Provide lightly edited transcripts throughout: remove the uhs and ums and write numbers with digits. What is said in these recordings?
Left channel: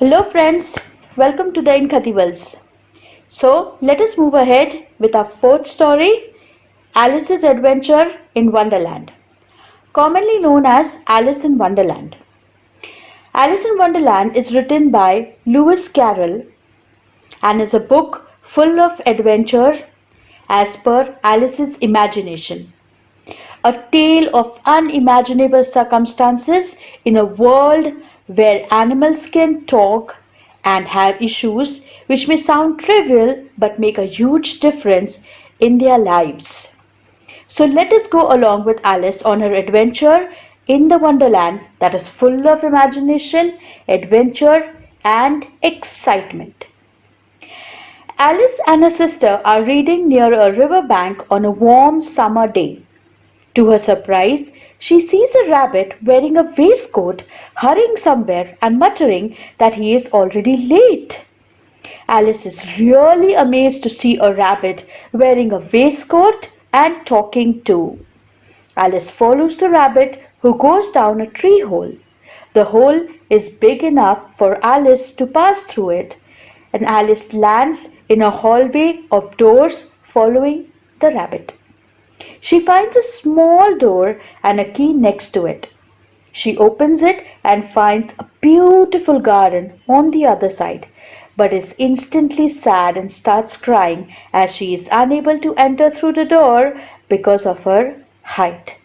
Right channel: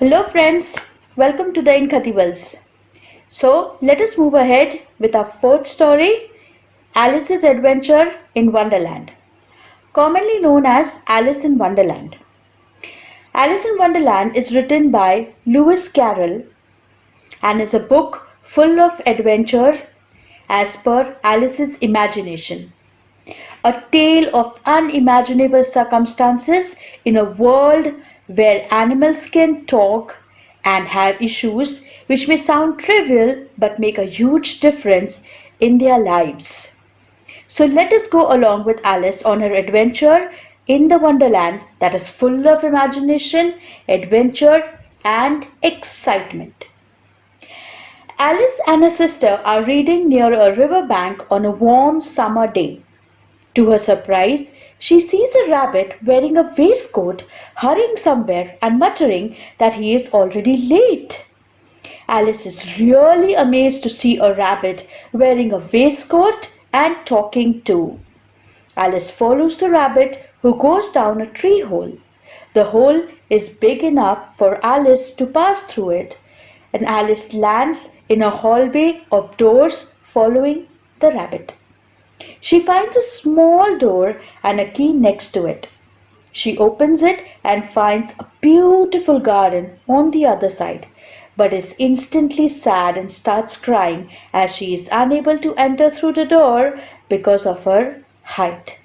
Hello friends, welcome to the IN-KHATIB-ELS. So let us move ahead with our fourth story, Alice's Adventure in Wonderland, commonly known as Alice in Wonderland. Alice in Wonderland is written by Lewis Carroll and is a book full of adventure as per Alice's imagination. A tale of unimaginable circumstances in a world where animals can talk and have issues which may sound trivial but make a huge difference in their lives. So let us go along with Alice on her adventure in the Wonderland that is full of imagination, adventure, and excitement. Alice and her sister are reading near a river bank on a warm summer day. To her surprise, she sees a rabbit wearing a waistcoat hurrying somewhere and muttering that he is already late. Alice is really amazed to see a rabbit wearing a waistcoat and talking too. Alice follows the rabbit who goes down a tree hole. The hole is big enough for Alice to pass through it, and Alice lands in a hallway of doors following the rabbit. She finds a small door and a key next to it. She opens it and finds a beautiful garden on the other side, but is instantly sad and starts crying as she is unable to enter through the door because of her height.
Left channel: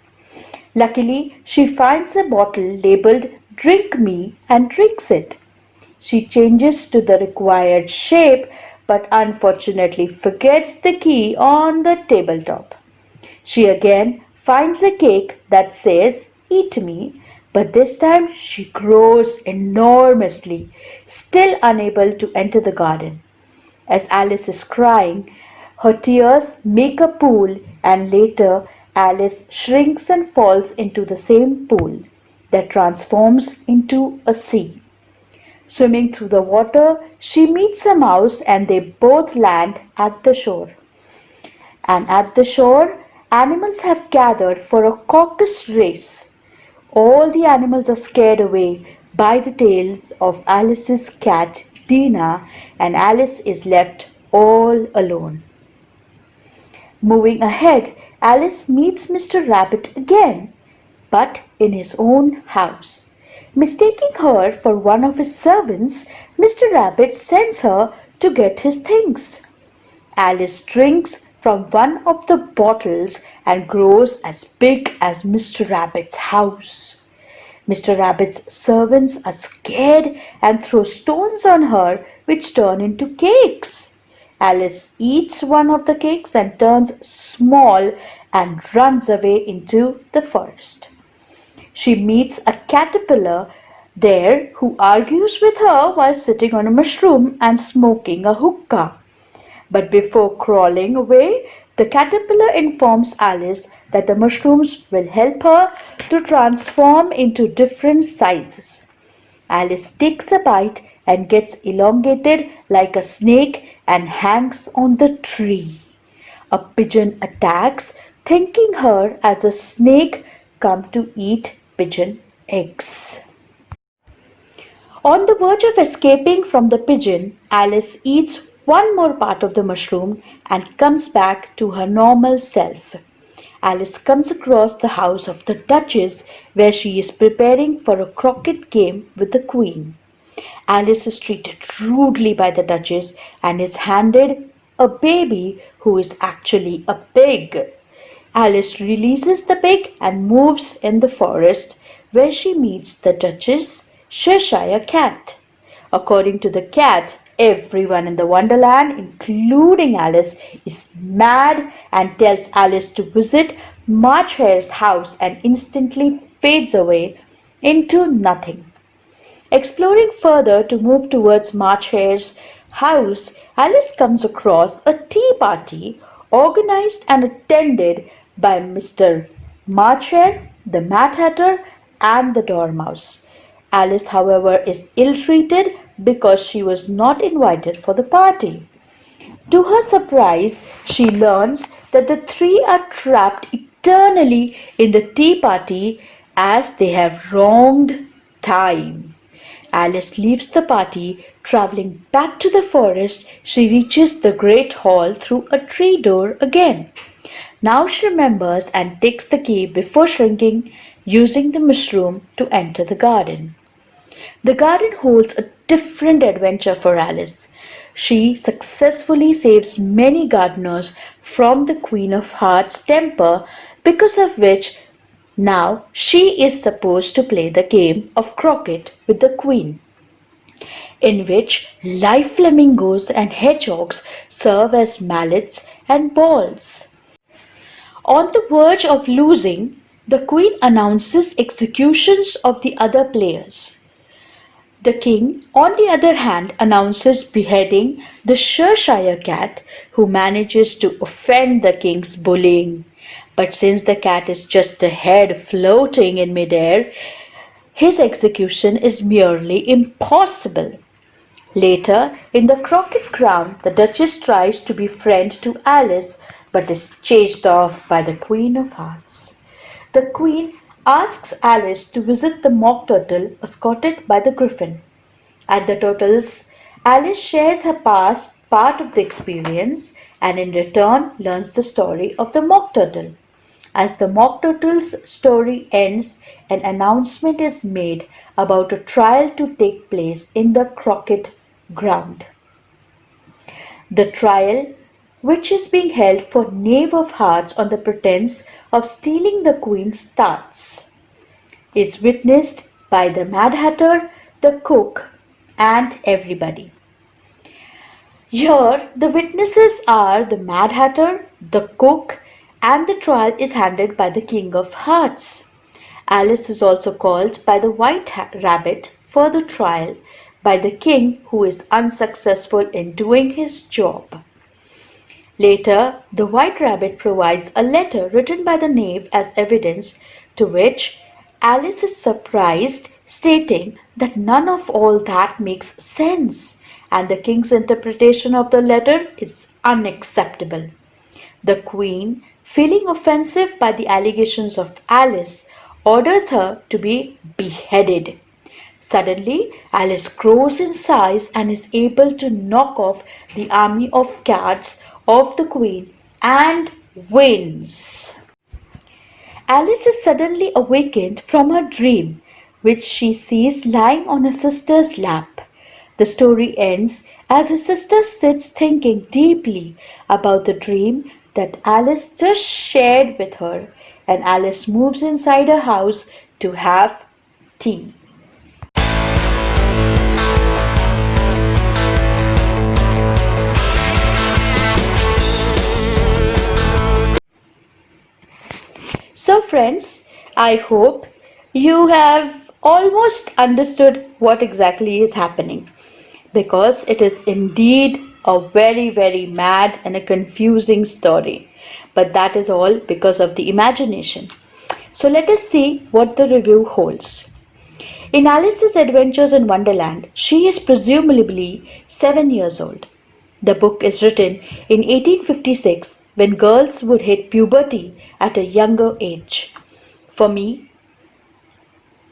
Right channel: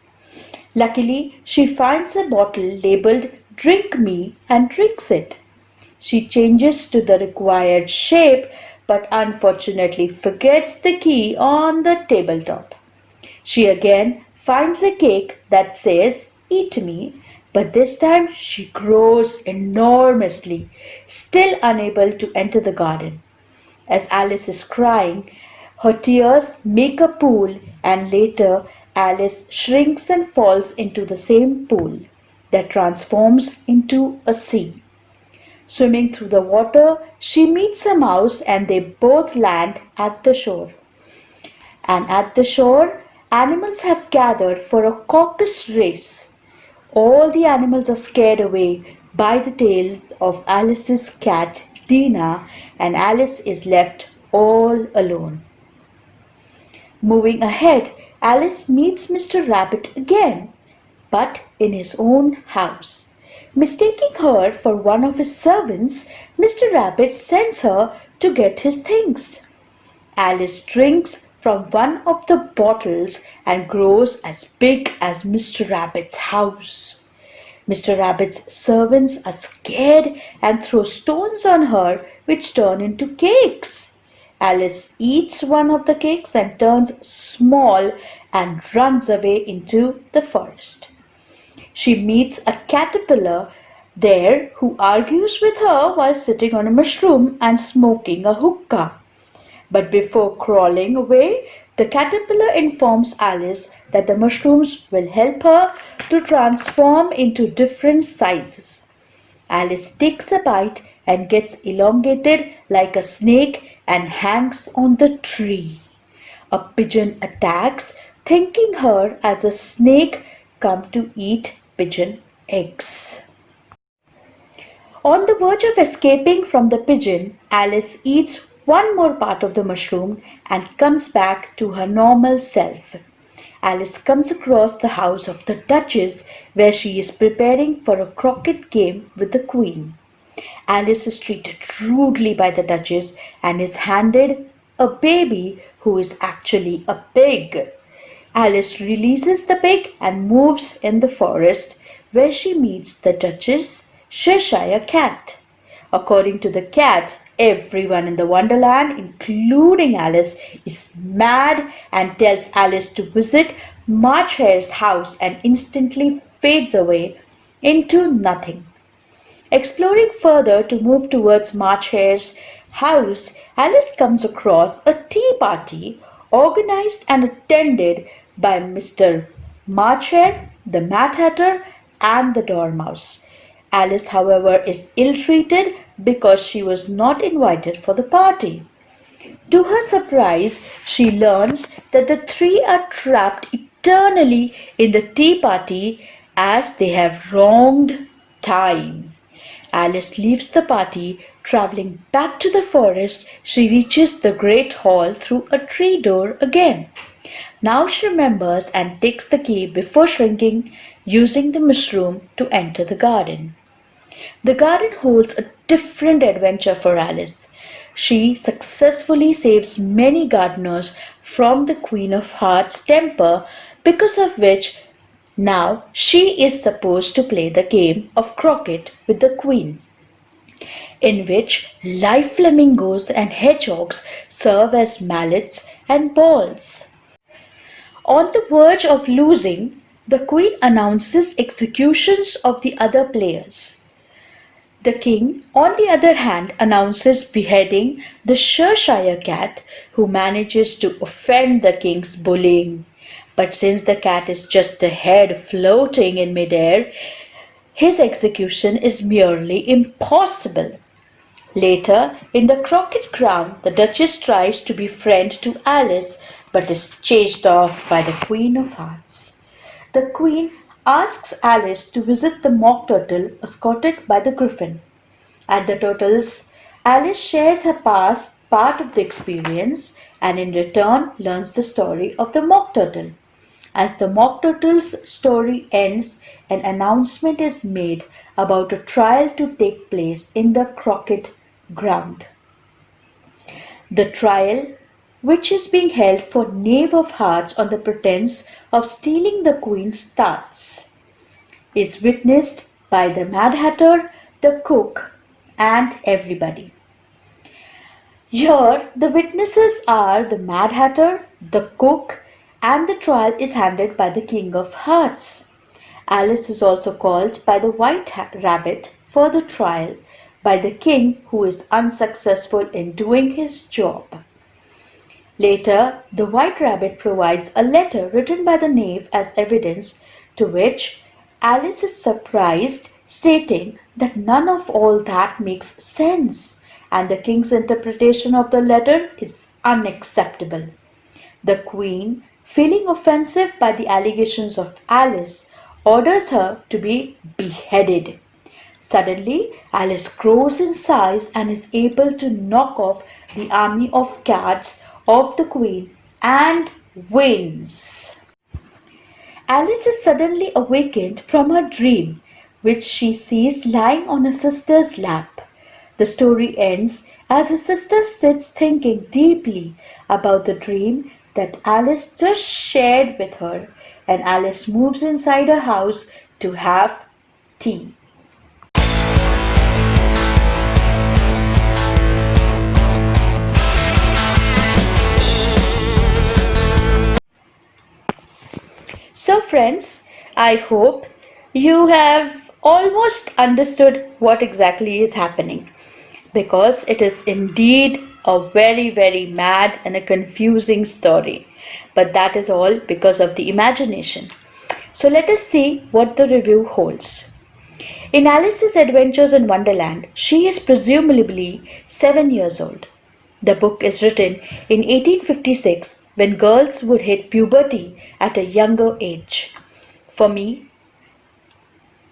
Luckily, she finds a bottle labeled "Drink Me" and drinks it. She changes to the required shape but unfortunately forgets the key on the tabletop. She again finds a cake that says "Eat me," but this time she grows enormously, still unable to enter the garden. As Alice is crying, her tears make a pool, and later Alice shrinks and falls into the same pool that transforms into a sea. Swimming through the water, she meets a mouse and they both land at the shore. And at the shore, animals have gathered for a caucus race. All the animals are scared away by the tales of Alice's cat Dina, and Alice is left all alone. Moving ahead, Alice meets Mr. Rabbit again, but in his own house. Mistaking her for one of his servants, Mr. Rabbit sends her to get his things. Alice drinks from one of the bottles and grows as big as Mr. Rabbit's house. Mr. Rabbit's servants are scared and throw stones on her, which turn into cakes. Alice eats one of the cakes and turns small and runs away into the forest. She meets a caterpillar there who argues with her while sitting on a mushroom and smoking a hookah. But before crawling away, the caterpillar informs Alice that the mushrooms will help her to transform into different sizes. Alice takes a bite and gets elongated like a snake and hangs on the tree. A pigeon attacks, thinking her as a snake come to eat pigeon eggs. On the verge of escaping from the pigeon, Alice eats one more part of the mushroom and comes back to her normal self. Alice comes across the house of the Duchess where she is preparing for a croquet game with the Queen. Alice is treated rudely by the Duchess and is handed a baby who is actually a pig. Alice releases the pig and moves in the forest where she meets the Duchess' Cheshire cat. According to the cat, everyone in the Wonderland, including Alice, is mad and tells Alice to visit March Hare's house and instantly fades away into nothing. Exploring further to move towards March Hare's house, Alice comes across a tea party organized and attended by Mr. March Hare, the Mad Hatter, and the Dormouse. Alice, however, is ill-treated because she was not invited for the party. To her surprise, she learns that the three are trapped eternally in the tea party as they have wronged time. Alice leaves the party. Traveling back to the forest, she reaches the great hall through a tree door again. Now she remembers and takes the key before shrinking, using the mushroom to enter the garden. The garden holds a different adventure for Alice. She successfully saves many gardeners from the Queen of Hearts' temper, because of which now she is supposed to play the game of croquet with the Queen, in which live flamingos and hedgehogs serve as mallets and balls. On the verge of losing, the Queen announces executions of the other players. The king, on the other hand, announces beheading the Cheshire cat, who manages to offend the king's bullying. But since the cat is just a head floating in midair, his execution is merely impossible. Later, in the croquet ground, the Duchess tries to be friend to Alice but is chased off by the Queen of Hearts. The Queen asks Alice to visit the Mock Turtle escorted by the Griffin. At the Turtles, Alice shares her past part of the experience and in return learns the story of the Mock Turtle. As the Mock Turtle's story ends, an announcement is made about a trial to take place in the croquet ground. The trial, which is being held for Knave of Hearts on the pretense of stealing the Queen's tarts, is witnessed by the Mad Hatter, the cook, and everybody. Here, the witnesses are the Mad Hatter, the cook, and the trial is handled by the King of Hearts. Alice is also called by the White Rabbit for the trial by the king, who is unsuccessful in doing his job. Later, the White Rabbit provides a letter written by the knave as evidence, to which Alice is surprised, stating that none of all that makes sense, and the king's interpretation of the letter is unacceptable. The Queen, feeling offensive by the allegations of Alice, orders her to be beheaded. Suddenly, Alice grows in size and is able to knock off the army of cats of the Queen and wins. Alice is suddenly awakened from her dream, which she sees lying on her sister's lap. The story ends as her sister sits thinking deeply about the dream that Alice just shared with her, and Alice moves inside her house to have tea. So friends, I hope you have almost understood what exactly is happening, because it is indeed a very mad and a confusing story. But that is all because of the imagination. So let us see what the review holds. In Alice's Adventures in Wonderland, she is presumably 7 years old. The book is written in 1856, when girls would hit puberty at a younger age. For me,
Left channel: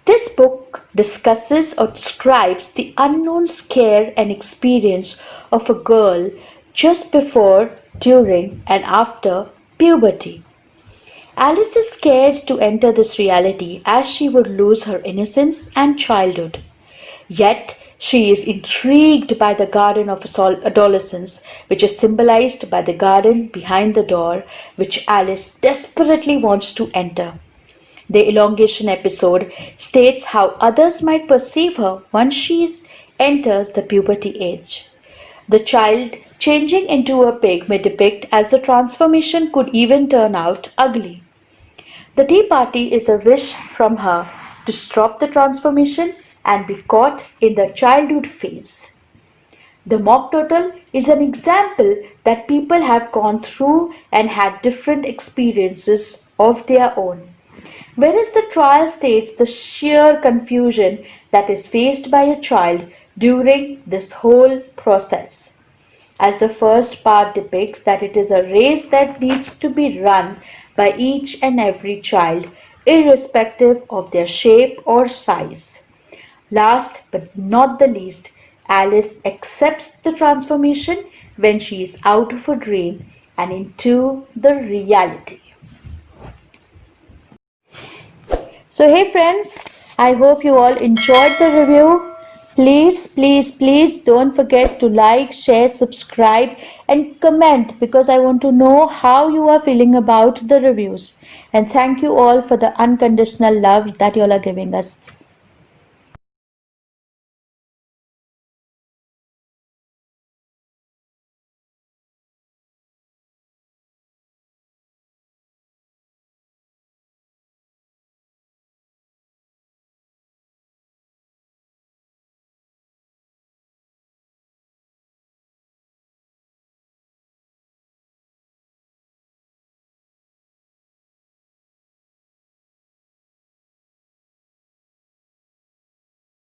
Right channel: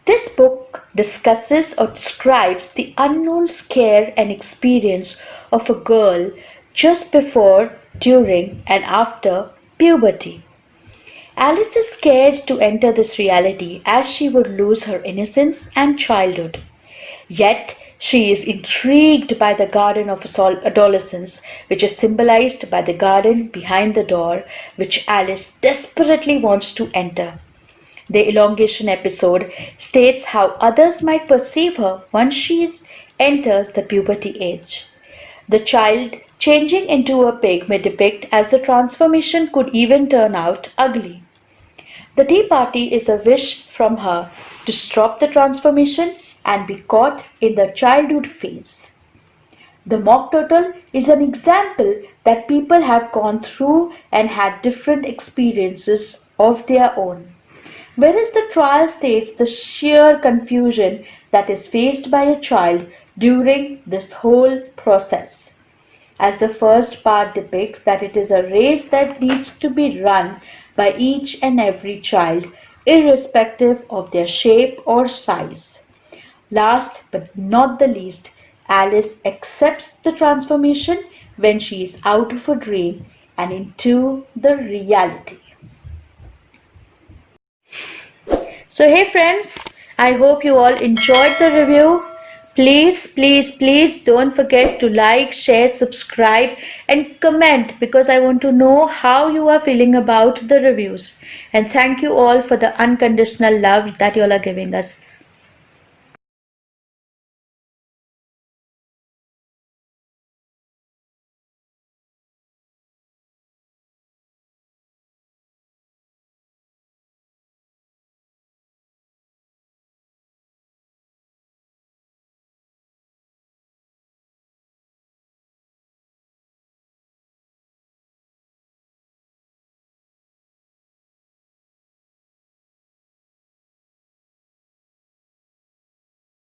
this book discusses or describes the unknown scare and experience of a girl just before, during, and after puberty. Alice is scared to enter this reality as she would lose her innocence and childhood. Yet, she is intrigued by the garden of adolescence, which is symbolized by the garden behind the door, which Alice desperately wants to enter. The elongation episode states how others might perceive her once she enters the puberty age. The child changing into a pig may depict as the transformation could even turn out ugly. The tea party is a wish from her to stop the transformation and be caught in the childhood phase. The mock turtle is an example that people have gone through and had different experiences of their own. Whereas the trial states the sheer confusion that is faced by a child during this whole process. As the first part depicts that it is a race that needs to be run by each and every child, irrespective of their shape or size. Last but not the least, Alice accepts the transformation when she is out of her dream and into the reality. So, hey friends, I hope you all enjoyed the review. Please don't forget to like, share, subscribe, and comment because I want to know how you are feeling about the reviews. And thank you all for the unconditional love that you all are giving us.